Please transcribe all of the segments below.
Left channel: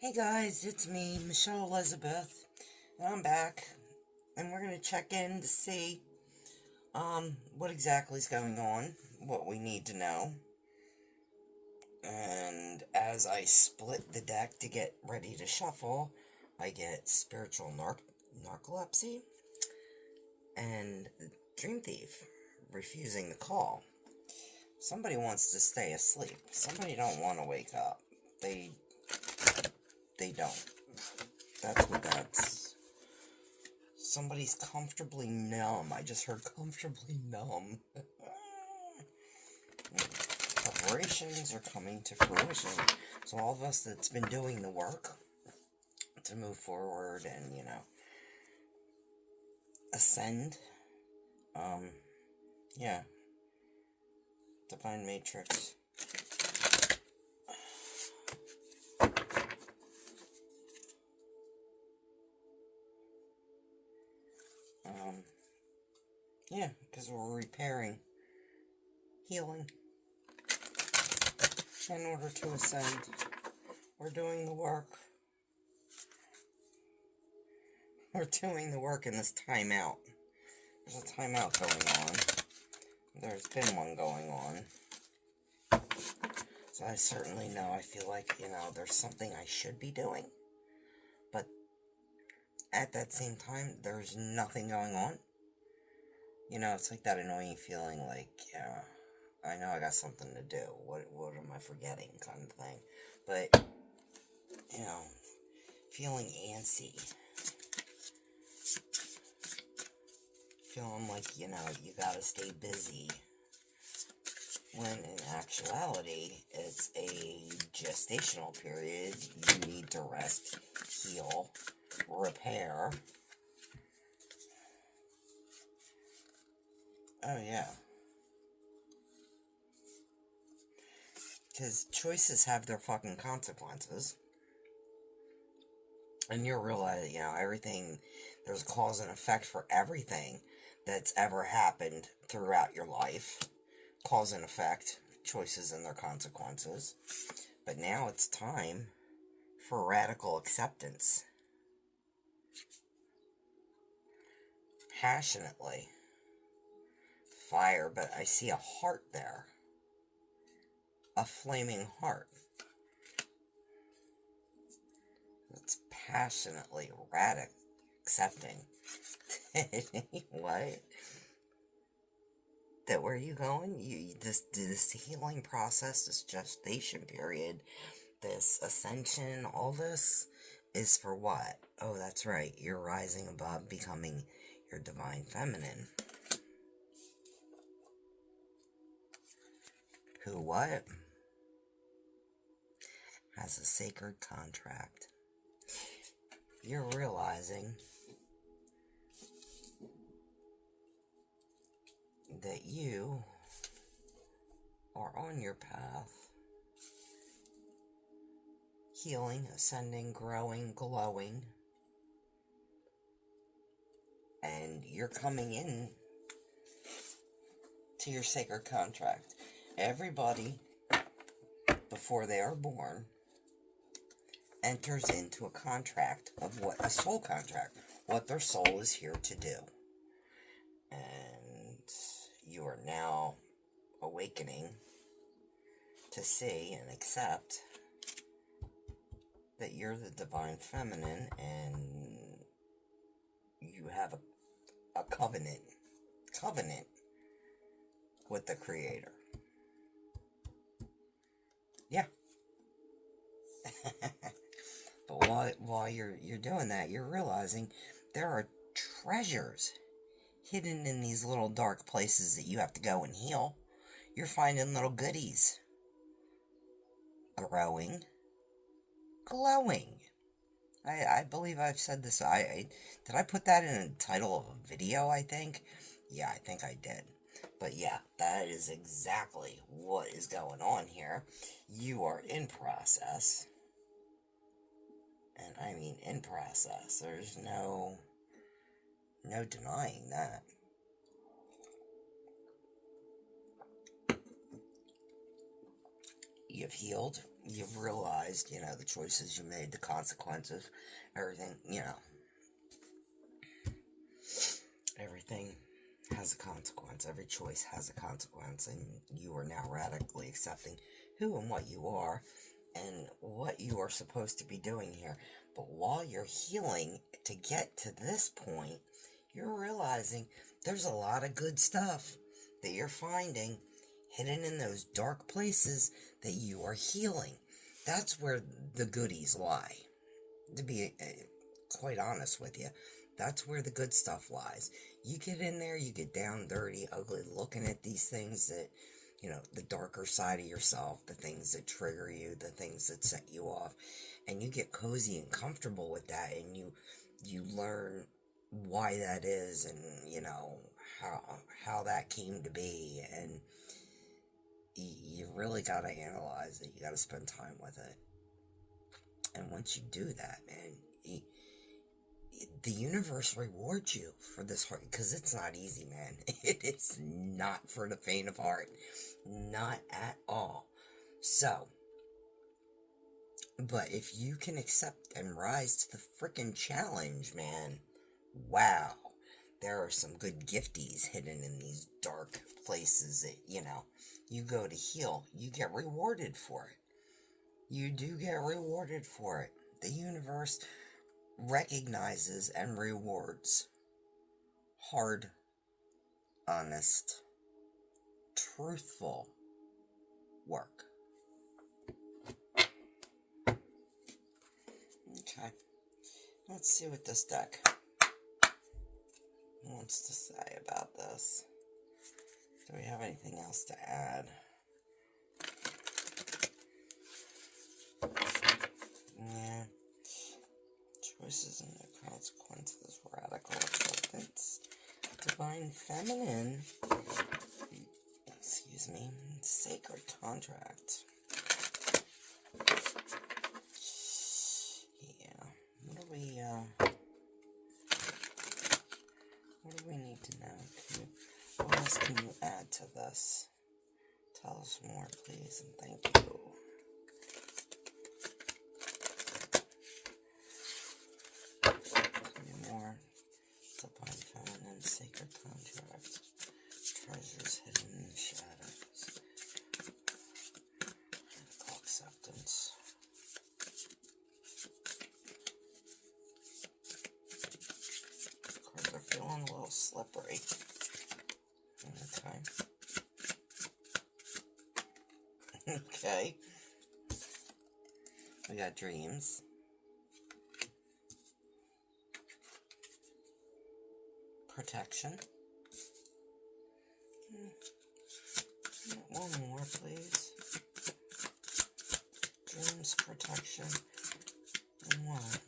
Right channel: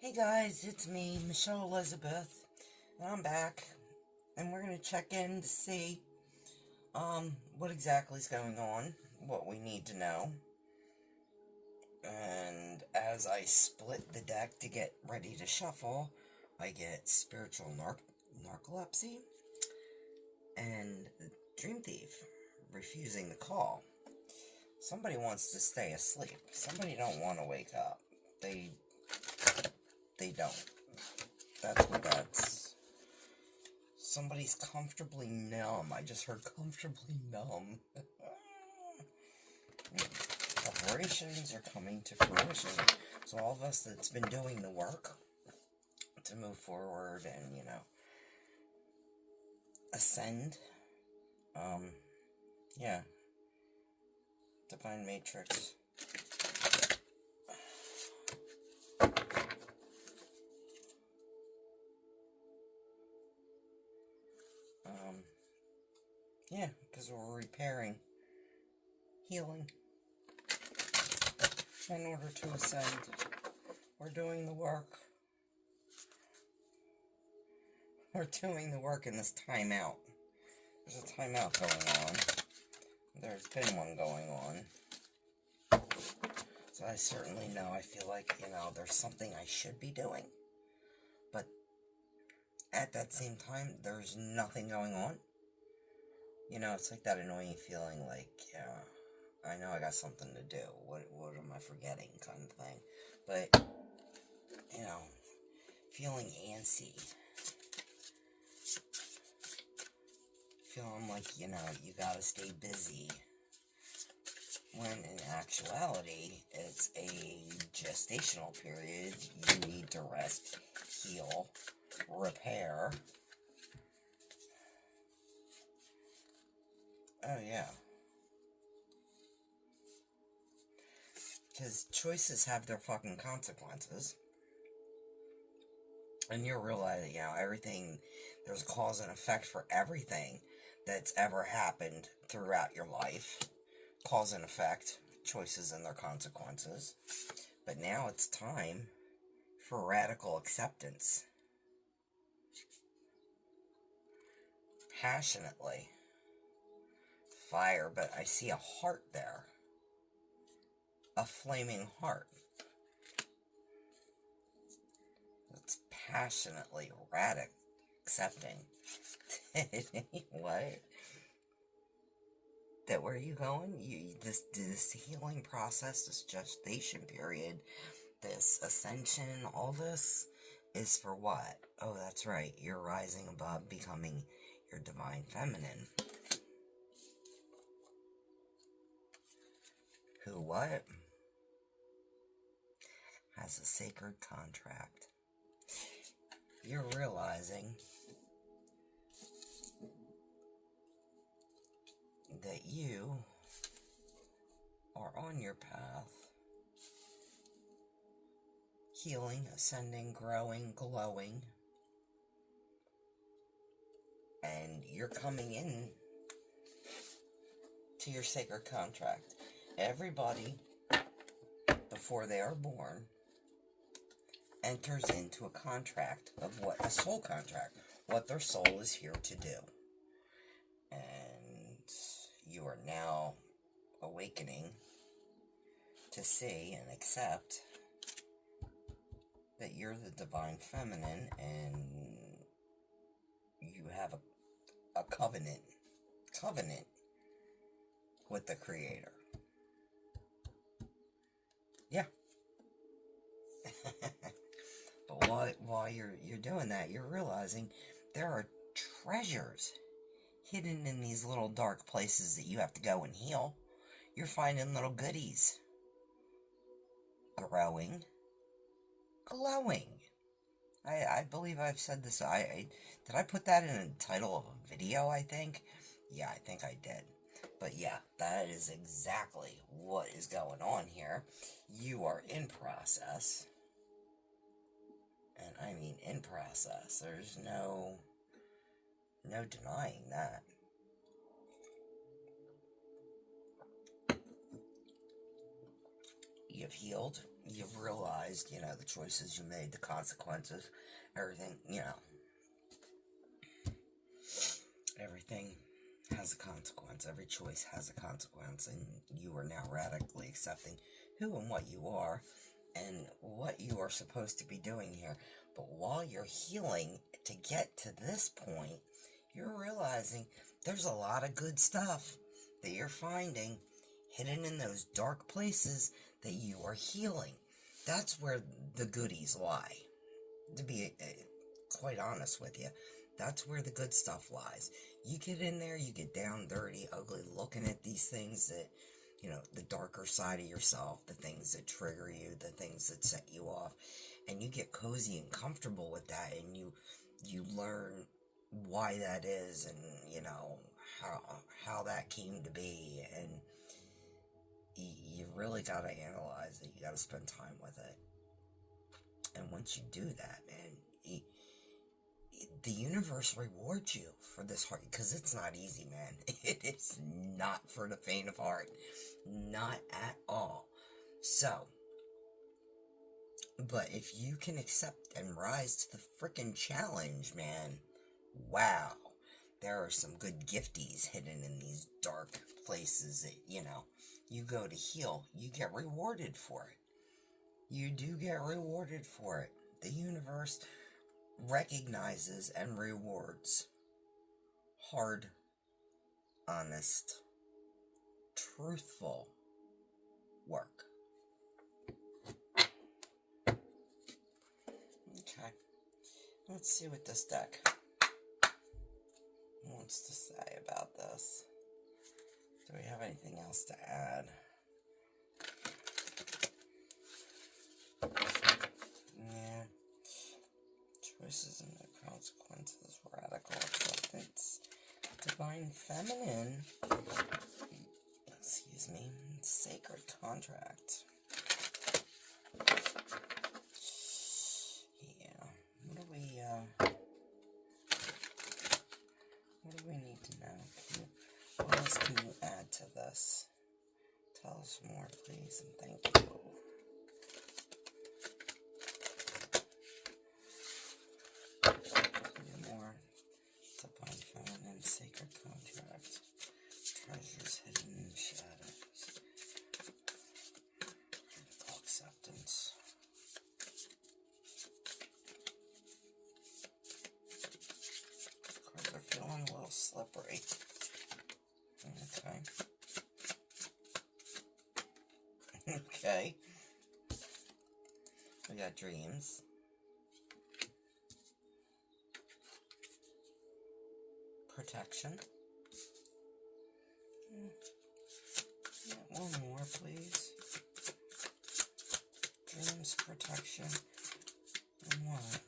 Hey guys, it's me, Michelle Elizabeth, and I'm back, and we're going to check in to see, what exactly is going on, what we need to know, and as I split the deck to get ready to shuffle, I get Spiritual Narcolepsy, and Dream Thief, Refusing the Call. Somebody wants to stay asleep. Somebody don't want to wake up. They don't. That's what that's. Somebody's comfortably numb. I just heard comfortably numb. Preparations are coming to fruition. So all of us that's been doing the work to move forward and, ascend. Yeah. Divine Matrix. Yeah, because we're repairing, healing, in order to ascend. We're doing the work. We're doing the work in this timeout. There's a timeout going on. There's been one going on. So I certainly know, I feel like, there's something I should be doing. But at that same time, there's nothing going on. It's like that annoying feeling like, I know I got something to do. What am I forgetting kind of thing. But, feeling antsy. Feeling like, you gotta stay busy. When in actuality, it's a gestational period. You need to rest, heal, repair. Oh, yeah. Because choices have their fucking consequences. And you're realizing, everything, there's a cause and effect for everything that's ever happened throughout your life. Cause and effect, choices and their consequences. But now it's time for radical acceptance. Passionately. Fire, but I see a heart there. A flaming heart. It's passionately radical accepting. What? That where you going? This healing process, this gestation period, this ascension, all this is for what? Oh, that's right. You're rising above, becoming your divine feminine. Who what? Has a sacred contract. You're realizing that you are on your path, healing, ascending, growing, glowing, and you're coming in to your sacred contract. Everybody, before they are born, enters into a contract of a soul contract, what their soul is here to do. And you are now awakening to see and accept that you're the divine feminine and you have a covenant with the Creator. Yeah. But while you're doing that, you're realizing there are treasures hidden in these little dark places that you have to go and heal. You're finding little goodies. Growing. Glowing. I believe I've said this. Did I put that in the title of a video, I think? Yeah, I think I did. But yeah, that is exactly what is going on here. You are in process. And I mean in process. There's no denying that. You've healed. you've realized, the choices you made, the consequences, everything, everything has a consequence. Every choice has a consequence, and you are now radically accepting who and what you are and what you are supposed to be doing here. But while you're healing to get to this point, you're realizing there's a lot of good stuff that you're finding hidden in those dark places that you are healing. That's where the goodies lie. To be quite honest with you, that's where the good stuff lies. You get in there, you get down, dirty, ugly, looking at these things that, the darker side of yourself, the things that trigger you, the things that set you off, and you get cozy and comfortable with that, and you learn why that is, and, how that came to be, and you really got to analyze it. You got to spend time with it. And once you do that, man, the universe rewards you for this heart, because it's not easy, man. It is not for the faint of heart. Not at all. So, but if you can accept and rise to the freaking challenge, man, wow. There are some good gifties hidden in these dark places that, you go to heal. You get rewarded for it. You do get rewarded for it. The universe recognizes and rewards hard, honest, truthful work. Okay. Let's see what this deck wants to say about this. Do we have anything else to add? Yeah. Choices and their consequences, radical acceptance, divine feminine, excuse me, sacred contract. Yeah, what do we need to know? What else can you add to this? Tell us more, please, and thank you. More divine feminine, sacred contract, treasures hidden in the shadows, radical acceptance. Cards are feeling a little slippery. Okay. We got dreams. Protection. One more, please. Dreams, protection, and one.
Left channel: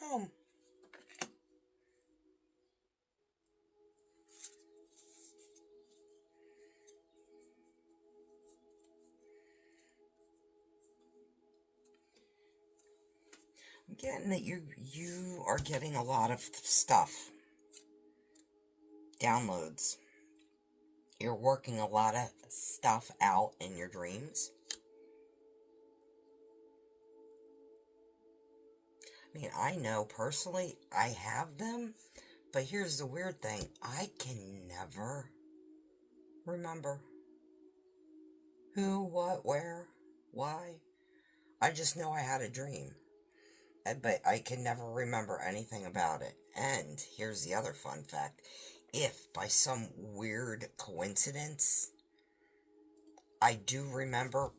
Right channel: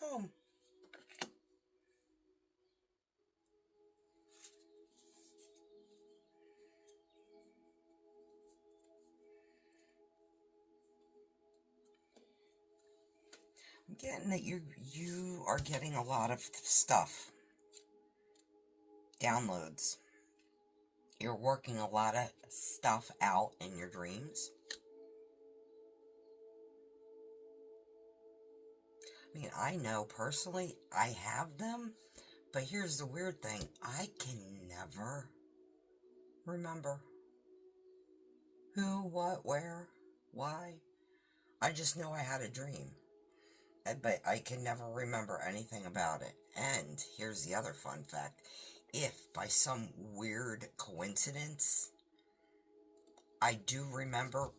Home. I'm getting that you are getting a lot of stuff. Downloads. You're working a lot of stuff out in your dreams. I mean, I know personally I have them, but here's the weird thing. I can never remember who, what, where, why. I just know I had a dream. But I can never remember anything about it. And here's the other fun fact. If by some weird coincidence I do remember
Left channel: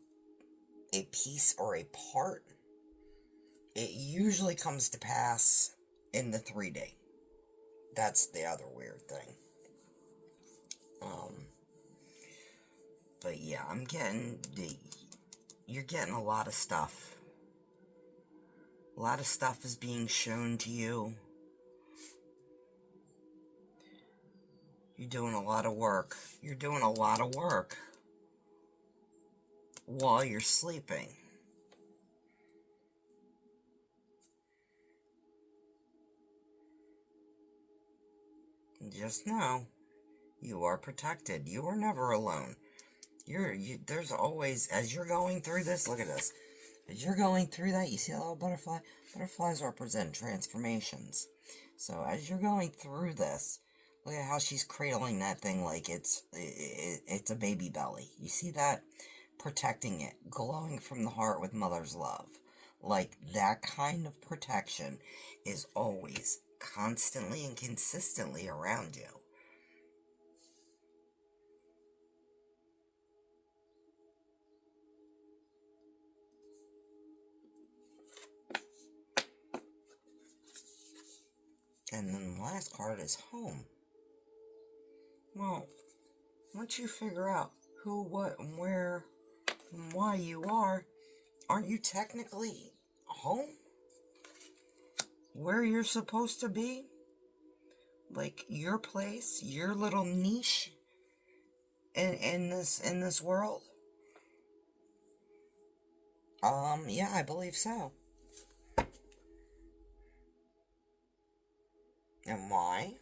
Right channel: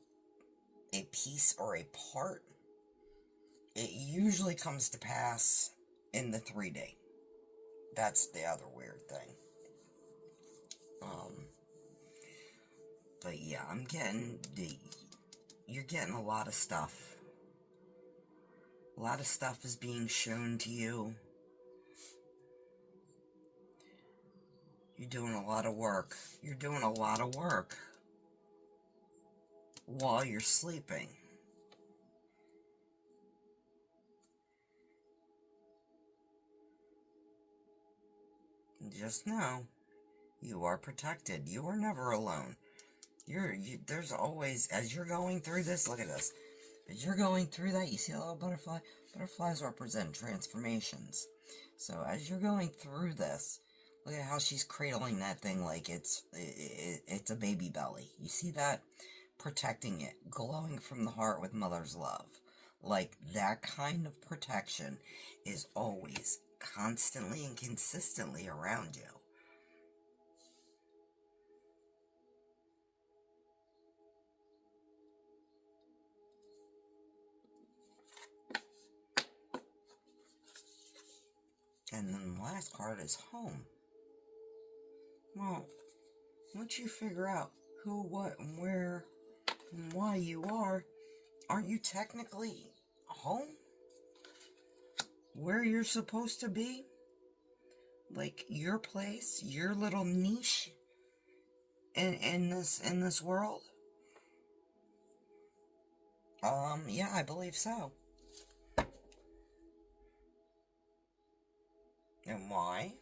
a piece or a part, it usually comes to pass in the 3D. That's the other weird thing. But yeah, you're getting a lot of stuff. A lot of stuff is being shown to you. You're doing a lot of work. You're doing a lot of work while you're sleeping. And just know, You are protected. You are never alone. There's always, as you're going through this, look at this. As you're going through that, you see a little butterfly? Butterflies represent transformations. So as you're going through this, look at how she's cradling that thing like it's a baby belly. You see that? Protecting it, glowing from the heart with mother's love. Like, that kind of protection is always, constantly and consistently around you. And then the last card is home. Well, once you figure out who, what, and where, and why you are, aren't you technically home? Where you're supposed to be? Like, your place, your little niche in this world? Yeah, I believe so. And why?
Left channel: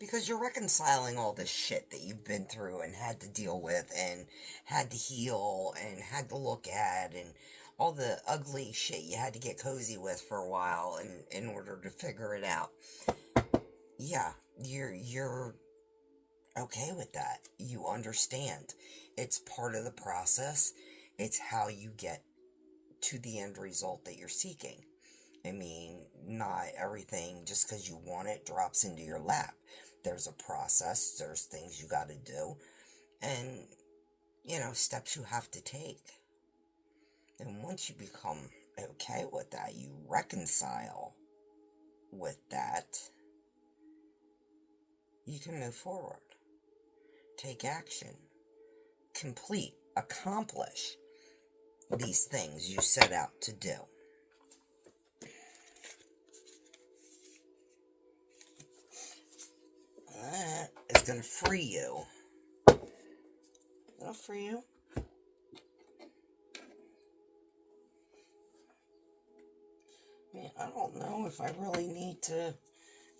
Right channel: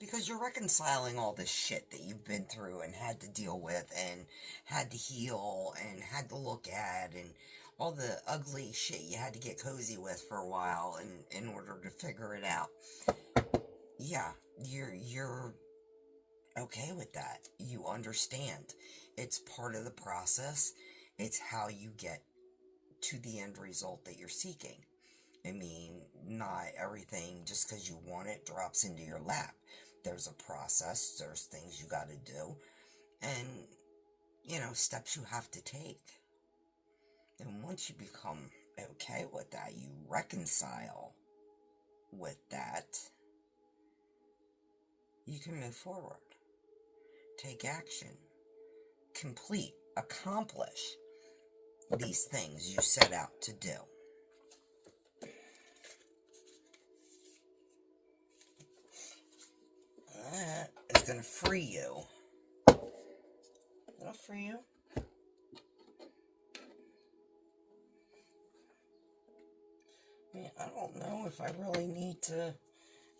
Because you're reconciling all this shit that you've been through and had to deal with and had to heal and had to look at, and all the ugly shit you had to get cozy with for a while in order to figure it out. Yeah, you're okay with that. You understand. It's part of the process. It's how you get to the end result that you're seeking. I mean, not everything, just because you want it, drops into your lap. There's a process, there's things you gotta do, and, steps you have to take. And once you become okay with that, you reconcile with that, you can move forward. Take action. Complete, accomplish these things you set out to do. That is going to free you. It'll free you. I mean, I don't know if I really need to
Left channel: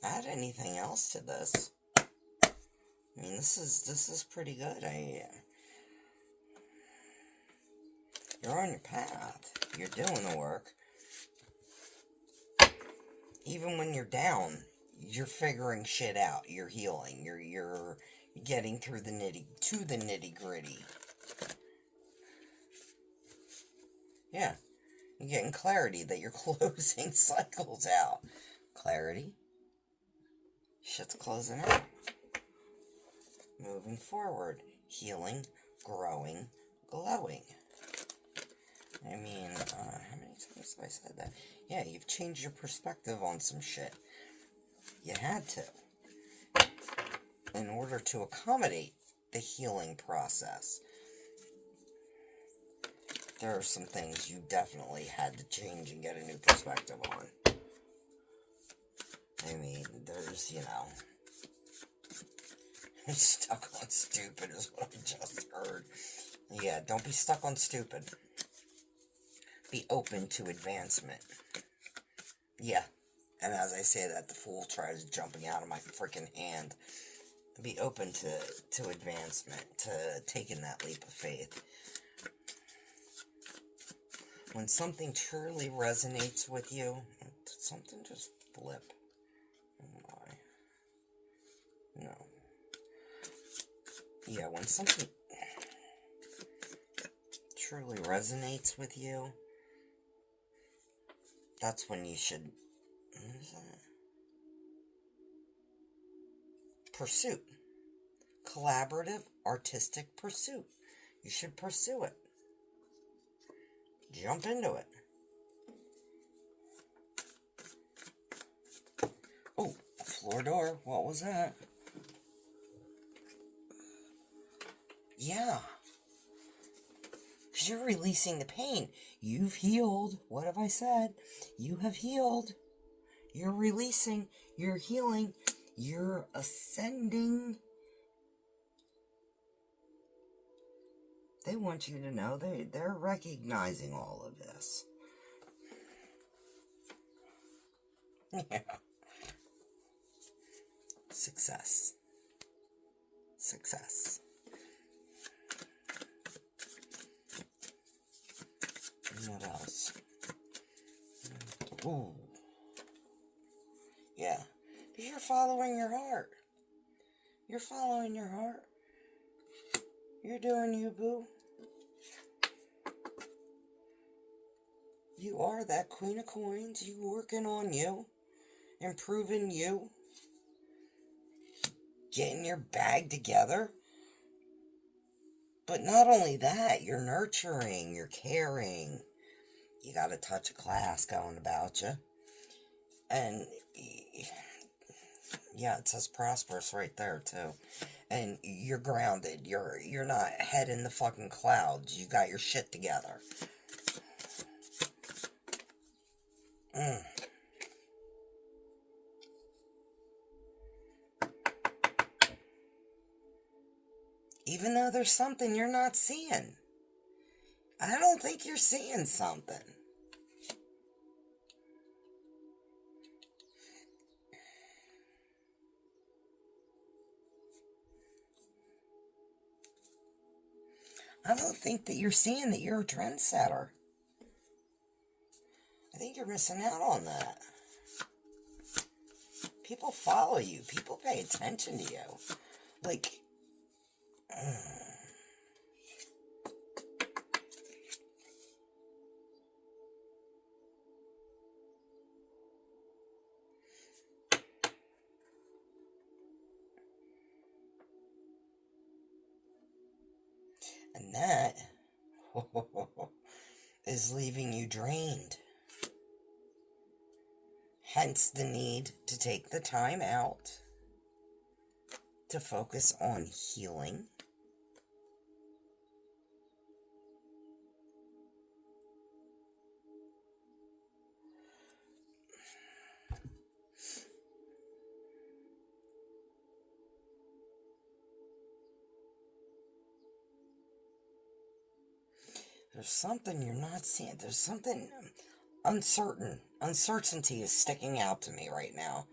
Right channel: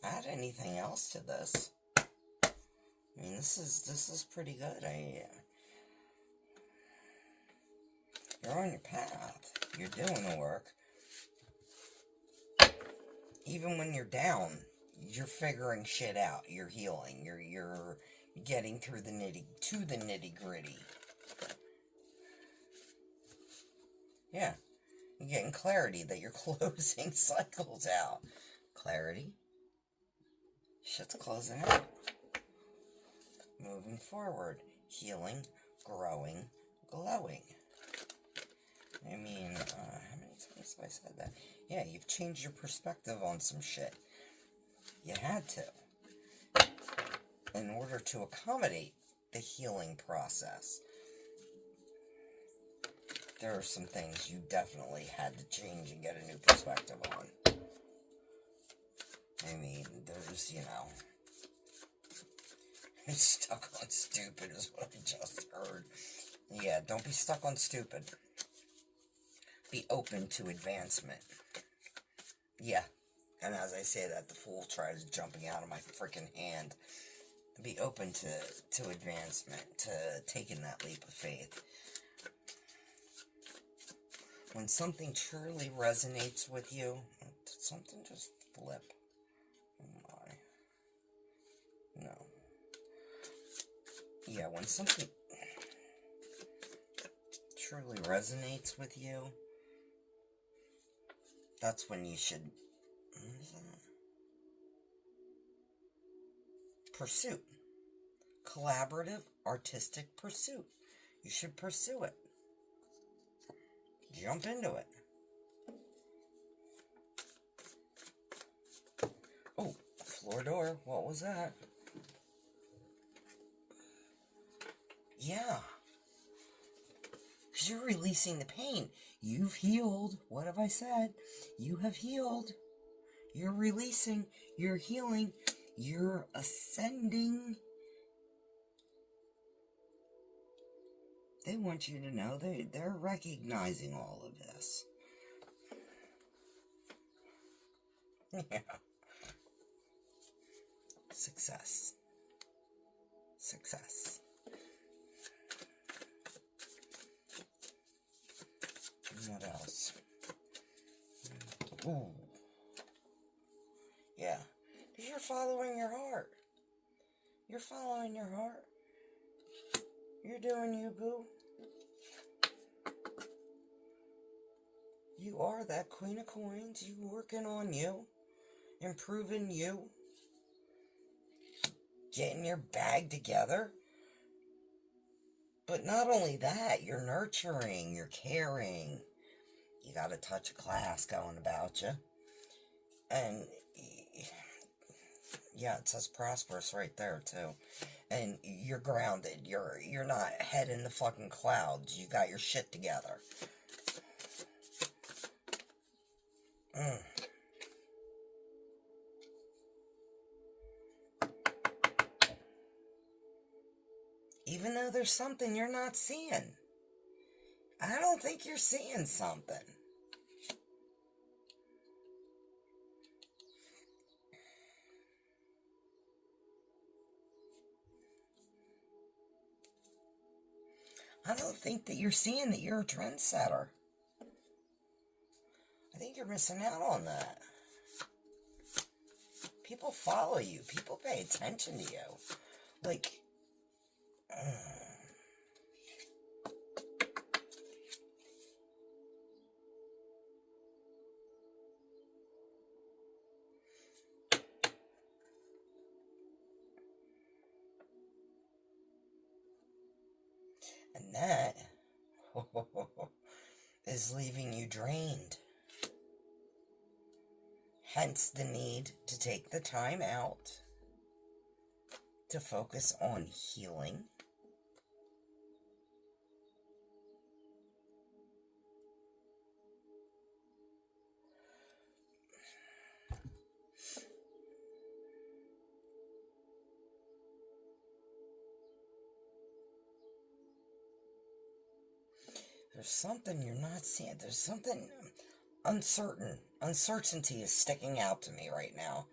add anything else to this. I mean, this is pretty good. You're on your path. You're doing the work. Even when you're down, you're figuring shit out. You're healing. You're getting through the nitty gritty. Yeah. You're getting clarity that you're closing cycles out. Clarity. Shit's closing out. Moving forward. Healing. Growing. Glowing. I mean, how many times have I said that? Yeah, you've changed your perspective on some shit. You had to. In order to accommodate the healing process. There are some things you definitely had to change and get a new perspective on. I mean, there's, stuck on stupid is what I just heard. Yeah, don't be stuck on stupid. Be open to advancement. Yeah, and as I say that, the fool tries jumping out of my freaking hand. Be open to advancement, to taking that leap of faith. When something truly resonates with you, did something just flip? Oh my. No. Yeah, when something truly resonates with you, that's when you should pursue. Collaborative, artistic pursuit. You should pursue it. Jump into it. Oh, floor door. What was that? Yeah. Because you're releasing the pain. You've healed. What have I said? You have healed. You're releasing. You're healing. You're ascending. They want you to know they're recognizing all of this. Yeah. Success. success. What else? Ooh. Yeah. Because you're following your heart. You're following your heart. You're doing you, boo. You are that Queen of Coins. You working on you. Improving you. Getting your bag together. But not only that, you're nurturing, you're caring. You got a touch of class going about you. And yeah, it says prosperous right there too. And you're grounded. You're not head in the fucking clouds. You got your shit together. Even though there's something you're not seeing. I don't think you're seeing something. I don't think that you're seeing that you're a trendsetter. I think you're missing out on that. People follow you. People pay attention to you. Like... And that is leaving you drained. Hence the need to take the time out to focus on healing. There's something you're not seeing. There's something uncertain. Uncertainty is sticking out to me right now.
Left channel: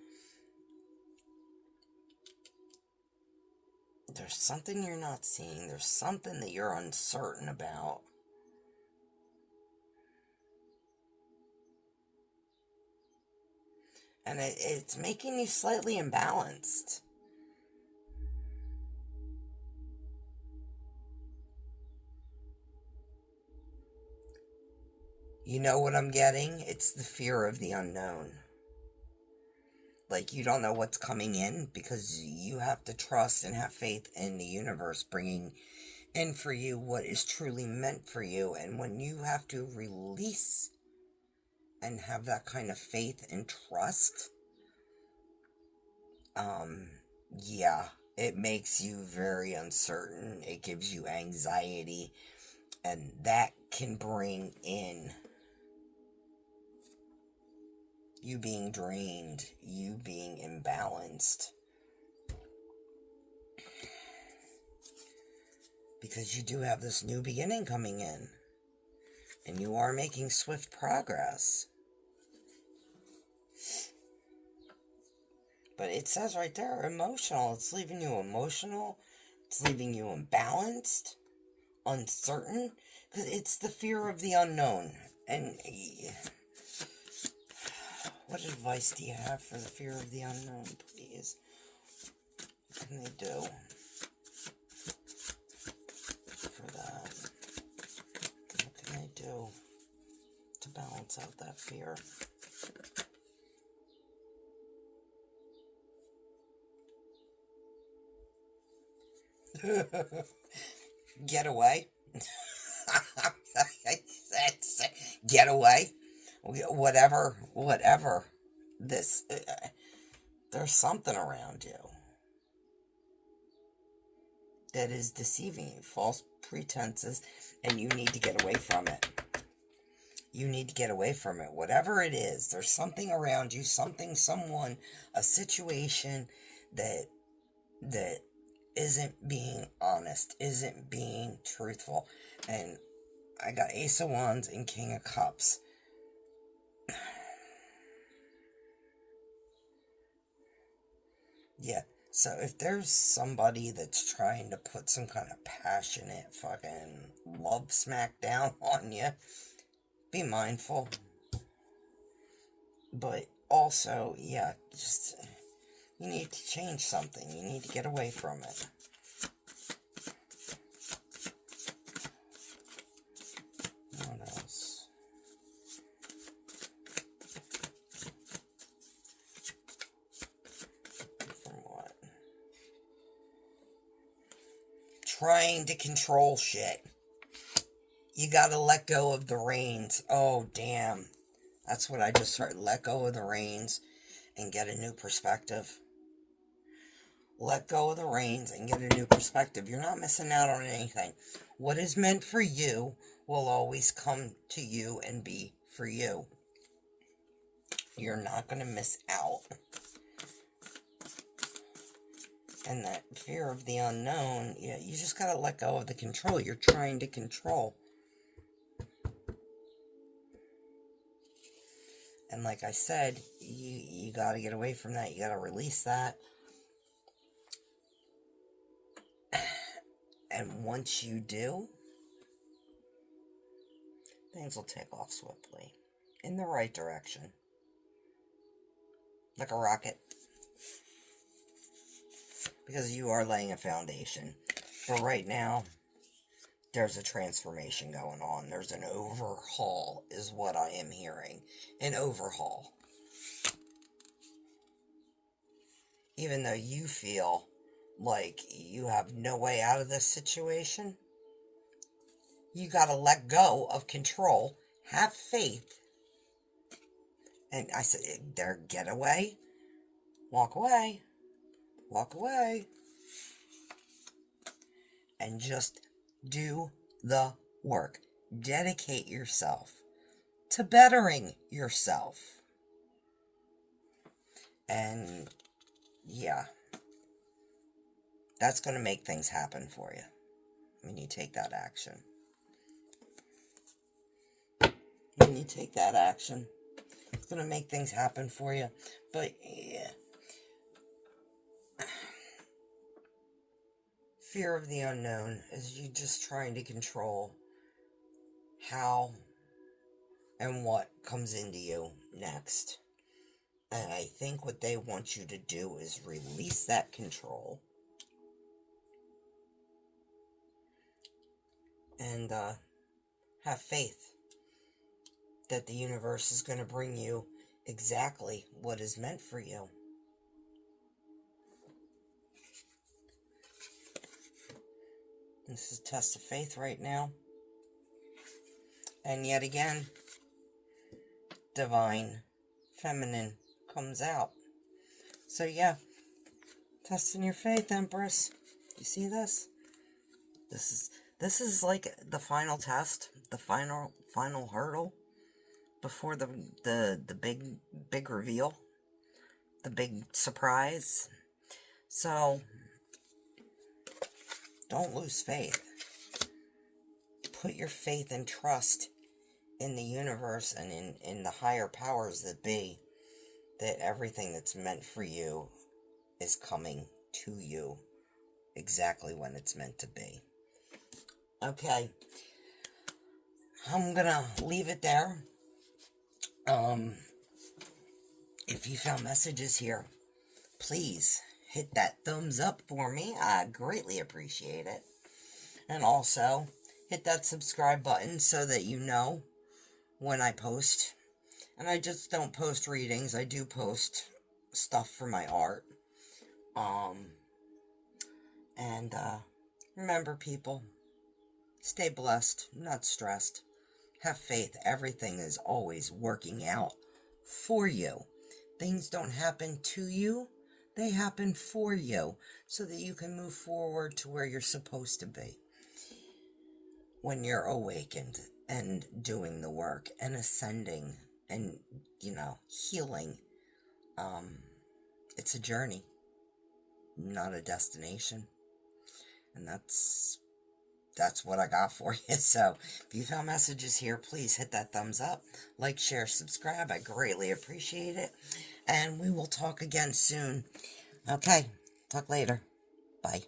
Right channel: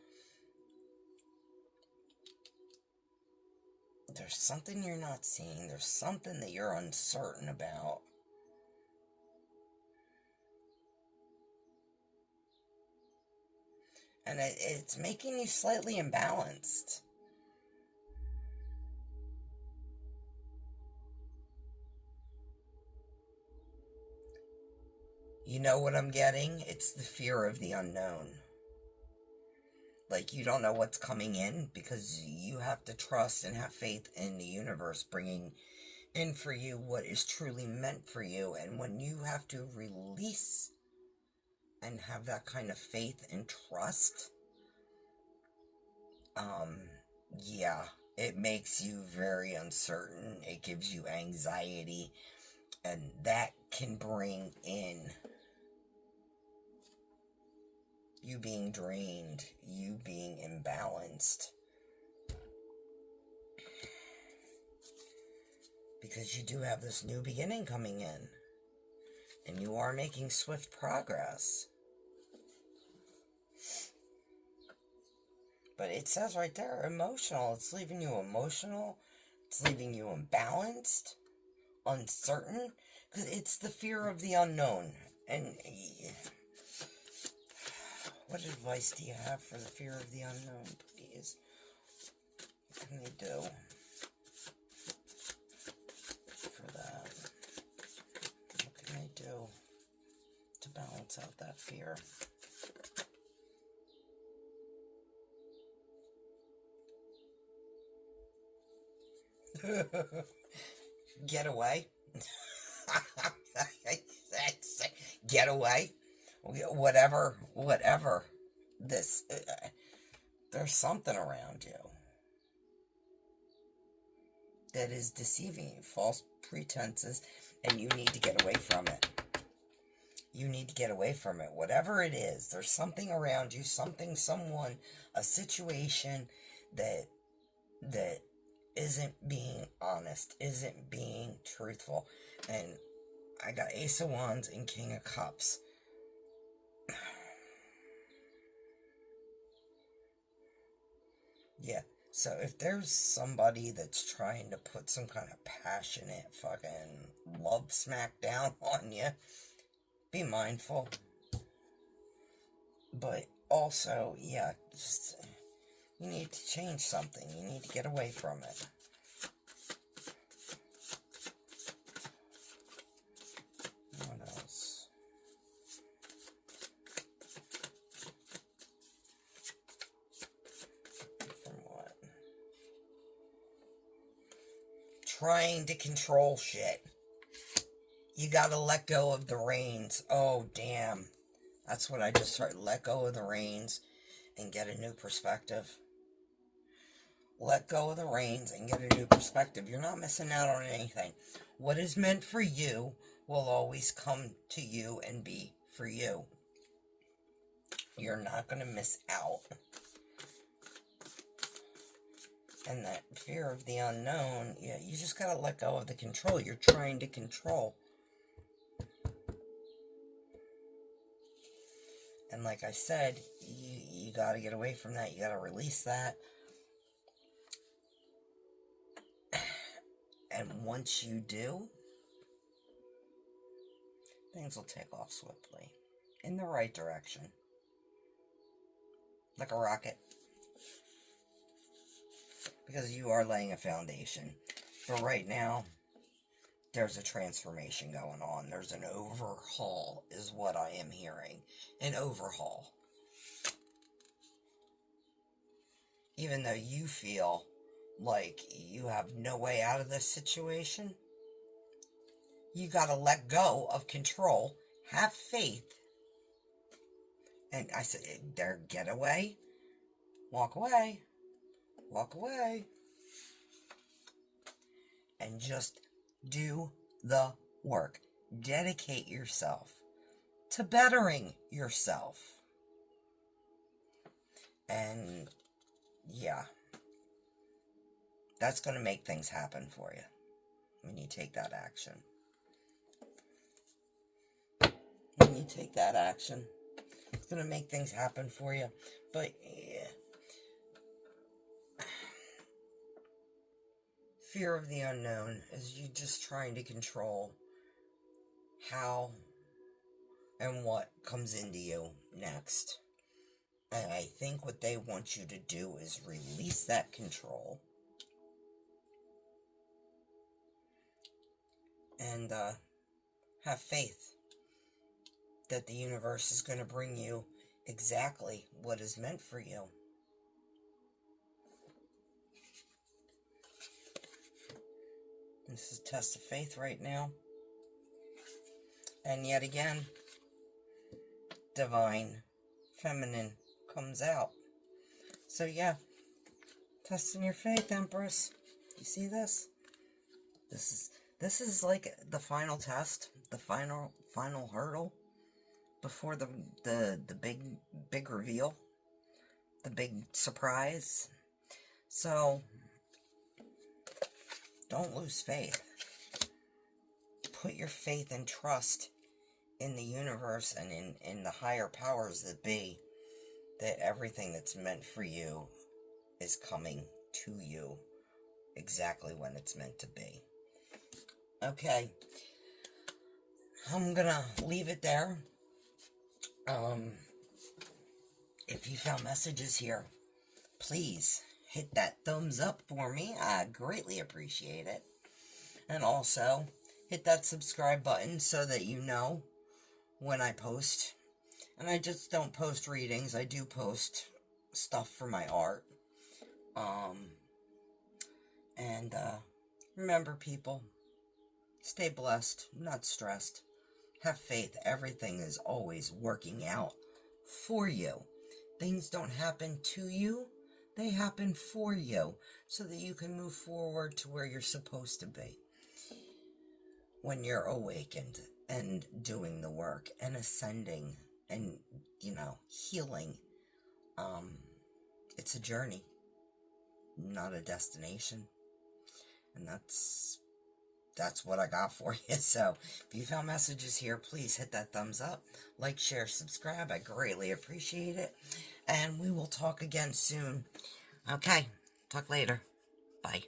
There's something you're not seeing. There's something that you're uncertain about. And it's making you slightly imbalanced. You know what I'm getting? It's the fear of the unknown. Like, you don't know what's coming in because you have to trust and have faith in the universe bringing in for you what is truly meant for you. And when you have to release and have that kind of faith and trust, yeah, it makes you very uncertain. It gives you anxiety, and that can bring in you being drained, you being imbalanced. Because you do have this new beginning coming in. And you are making swift progress. But it says right there, emotional. It's leaving you emotional. It's leaving you imbalanced, uncertain. Because it's the fear of the unknown. And... what advice do you have for the fear of the unknown, please? What can they do for that? What can they do to balance out that fear? Get away. Get away. Whatever. This, there's something around you that is deceiving you, false pretenses, and you need to get away from it. You need to get away from it. Whatever it is, there's something around you, something, someone, a situation that isn't being honest, isn't being truthful. And I got Ace of Wands and King of Cups. Yeah, So if there's somebody that's trying to put some kind of passionate fucking love smack down on you, be mindful. But also, yeah, just, you need to change something. You need to get away from it. What else? From what? Trying to control shit. You gotta let go of the reins. Oh, damn. That's what I just heard. Let go of the reins and get a new perspective. Let go of the reins and get a new perspective. You're not missing out on anything. What is meant for you will always come to you and be for you. You're not going to miss out. And that fear of the unknown, yeah, you just got to let go of the control. You're trying to control. And like I said, you got to get away from that. You got to release that. And once you do, things will take off swiftly. In the right direction. Like a rocket. Because you are laying a foundation. But right now, there's a transformation going on. There's an overhaul, is what I am hearing. An overhaul. Even though you feel like you have no way out of this situation, you gotta let go of control. Have faith. And I said, there, get away. Walk away. Walk away. And just do the work. Dedicate yourself to bettering yourself. And yeah, that's going to make things happen for you when you take that action. When you take that action, it's going to make things happen for you. But yeah, fear of the unknown is you just trying to control how and what comes into you next. And I think what they want you to do is release that control. And have faith that the universe is going to bring you exactly what is meant for you. This is a test of faith right now. And yet again, divine feminine comes out. So yeah, testing your faith, Empress. You see this? This is like the final test, the final hurdle before the big reveal, the big surprise. So don't lose faith. Put your faith and trust in the universe and in the higher powers that be, that everything that's meant for you is coming to you exactly when it's meant to be. Okay, I'm gonna leave it there. If you found messages here, please hit that thumbs up for me. I greatly appreciate it. And also, hit that subscribe button so that you know when I post. And I just don't post readings. I do post stuff for my art. Remember, people, stay blessed, not stressed. Have faith. Everything is always working out for you. Things don't happen to you. They happen for you so that you can move forward to where you're supposed to be. When you're awakened and doing the work and ascending and, healing. It's a journey, not a destination. And that's what I got for you. So, if you found messages here, please hit that thumbs up. Like, share, subscribe. I greatly appreciate it. And we will talk again soon. Okay. Talk later. Bye.